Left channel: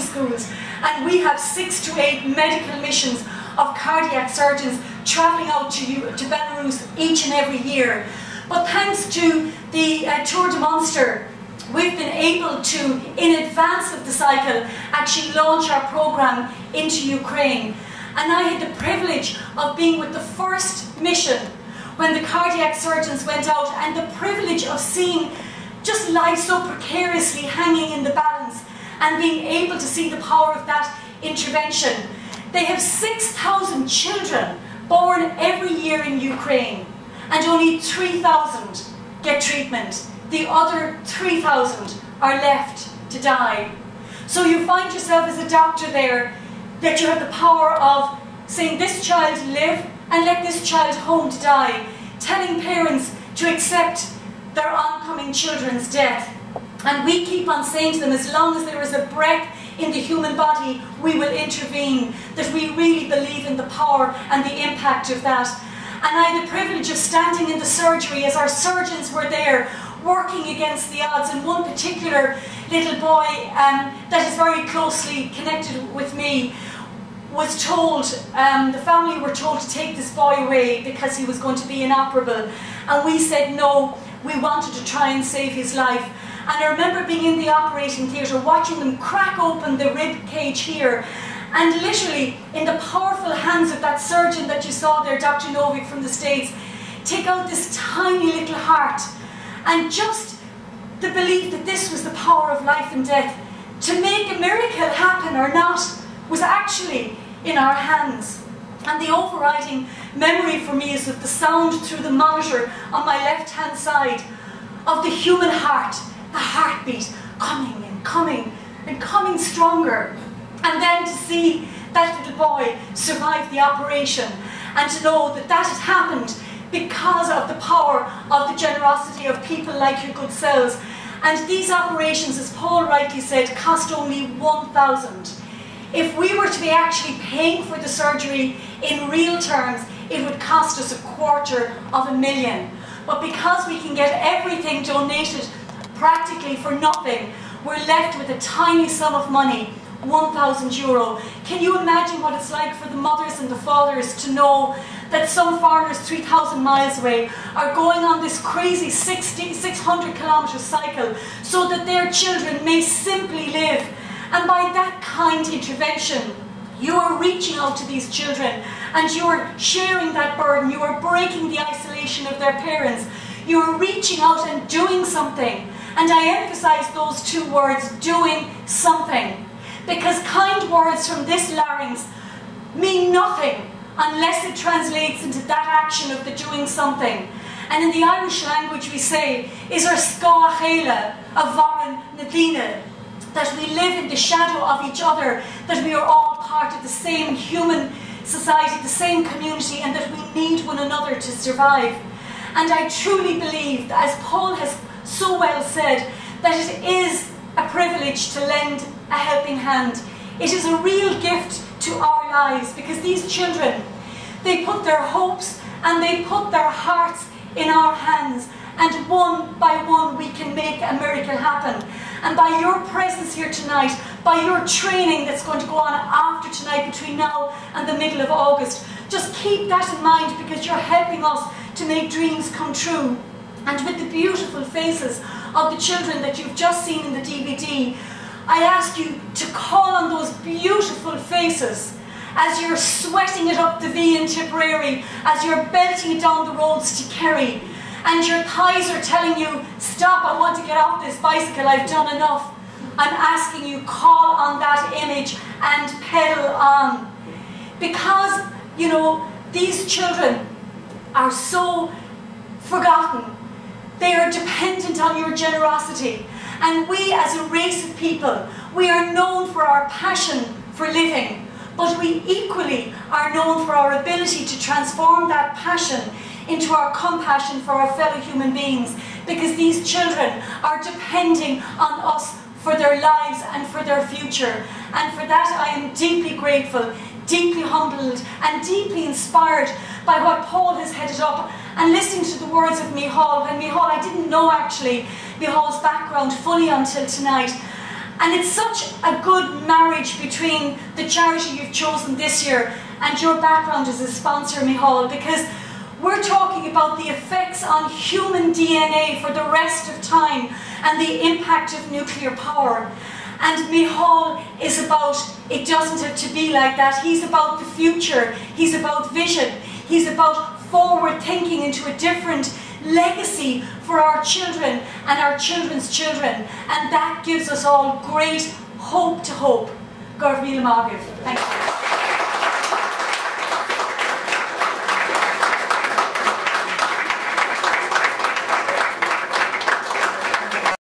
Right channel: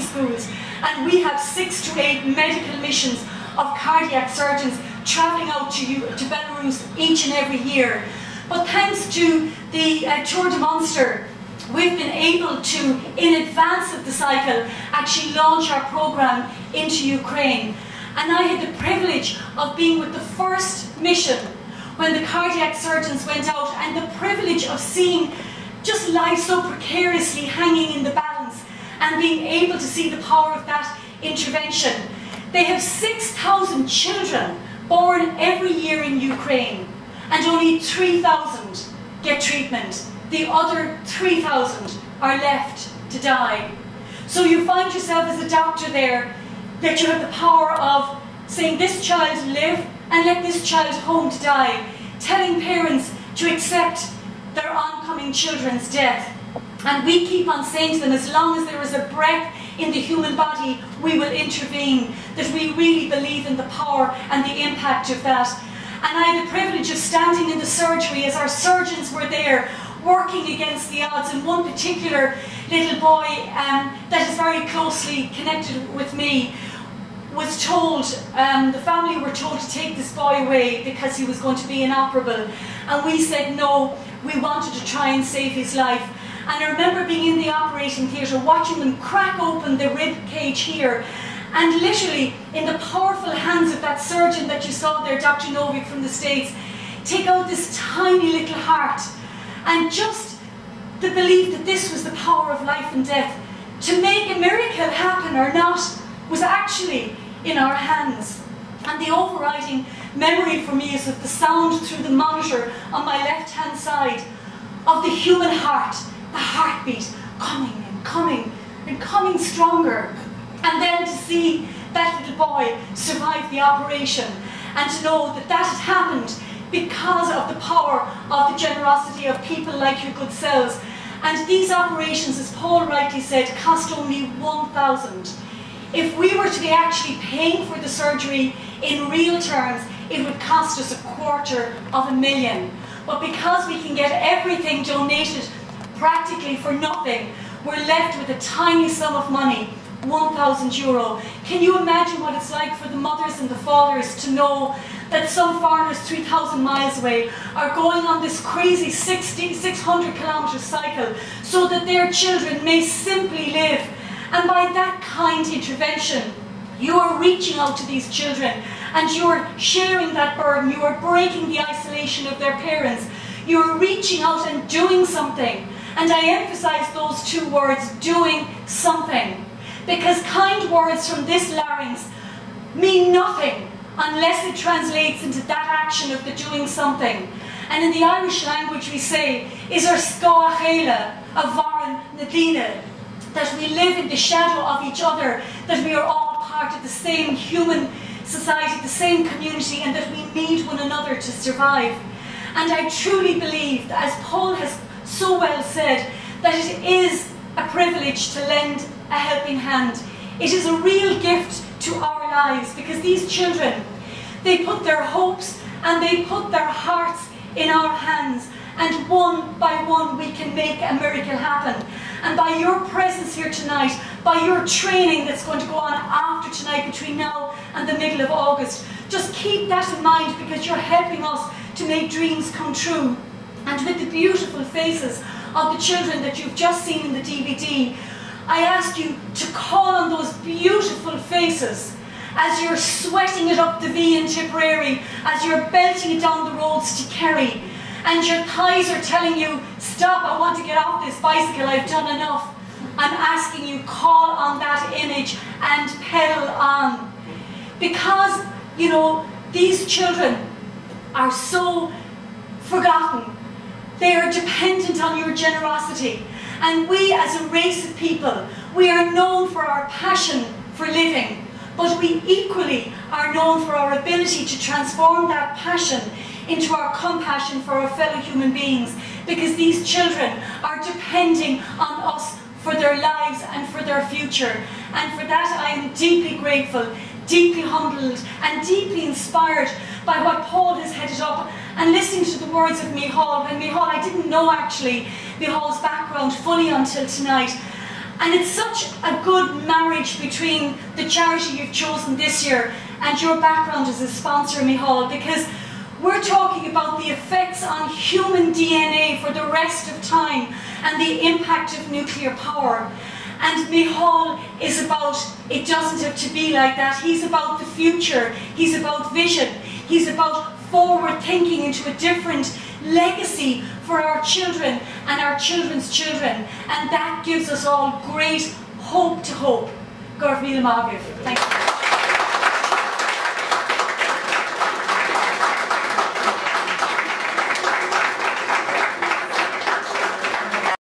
schools, and we have 6 to 8 medical missions of cardiac surgeons travelling out to Belarus each and every year. But thanks to the Tour de Munster, we've been able to, in advance of the cycle, actually launch our programme into Ukraine. And I had the privilege of being with the first mission when the cardiac surgeons went out, and the privilege of seeing just life so precariously hanging in the balance and being able to see the power of that intervention. They have 6,000 children born every year in Ukraine, and only 3,000 get treatment. The other 3,000 are left to die. So you find yourself as a doctor there, that you have the power of saying, this child live and let this child home to die, telling parents to accept their oncoming children's death. And we keep on saying to them, as long as there is a breath in the human body, we will intervene, that we really believe in the power and the impact of that. And I had the privilege of standing in the surgery as our surgeons were there, working against the odds. And one particular little boy that is very closely connected with me was told, the family were told to take this boy away because he was going to be inoperable. And we said no, we wanted to try and save his life. And I remember being in the operating theatre, watching them crack open the rib cage here, and literally in the powerful hands of that surgeon that you saw there, Dr. Novik from the States, take out this tiny little heart. And just the belief that this was the power of life and death, to make a miracle happen or not, was actually in our hands. And the overriding memory for me is of the sound through the monitor on my left-hand side of the human heart, the heartbeat coming and coming and coming stronger. And then to see that little boy survive the operation, and to know that that had happened because of the power of the generosity of people like your good selves. And these operations, as Paul rightly said, cost only 1,000. If we were to be actually paying for the surgery in real terms, it would cost us $250,000. But because we can get everything donated practically for nothing, we're left with a tiny sum of money, €1,000. Can you imagine what it's like for the mothers and the fathers to know that some foreigners 3,000 miles away are going on this crazy 600-kilometre cycle so that their children may simply live? And by that kind intervention, you are reaching out to these children and you are sharing that burden. You are breaking the isolation of their parents. You are reaching out and doing something. And I emphasize those 2 words, doing something. Because kind words from this larynx mean nothing unless it translates into that action of the doing something. And in the Irish language we say, is our scoachela, a varan nadina, that we live in the shadow of each other, that we are all part of the same human society, the same community, and that we need one another to survive. And I truly believe, as Paul has so well said, that it is a privilege to lend a helping hand. It is a real gift to our lives, because these children, they put their hopes and they put their hearts in our hands, and one by one we can make a miracle happen. And by your presence here tonight, by your training that's going to go on after tonight between now and the middle of August, just keep that in mind, because you're helping us to make dreams come true. And with the beautiful faces of the children that you've just seen in the DVD, I ask you to call on those beautiful faces as you're sweating it up the V in Tipperary, as you're belting it down the roads to Kerry, and your thighs are telling you, stop, I want to get off this bicycle, I've done enough. I'm asking you, call on that image and pedal on. Because, you know, these children are so forgotten. They are dependent on your generosity. And we as a race of people, we are known for our passion for living, but we equally are known for our ability to transform that passion into our compassion for our fellow human beings, because these children are depending on us for their lives and for their future. And for that I am deeply grateful, deeply humbled and deeply inspired by what Paul has headed up, and listening to the words of Michal. When Michal, I didn't know actually Michal's background fully until tonight, And it's such a good marriage between the charity you've chosen this year and your background as a sponsor, Micheál, because we're talking about the effects on human DNA for the rest of time and the impact of nuclear power. And Micheál is about, it doesn't have to be like that. He's about the future. He's about vision. He's about forward thinking into a different legacy for our children and our children's children. And that gives us all great hope to hope. Gorv Míle Mágaibh. Thank you.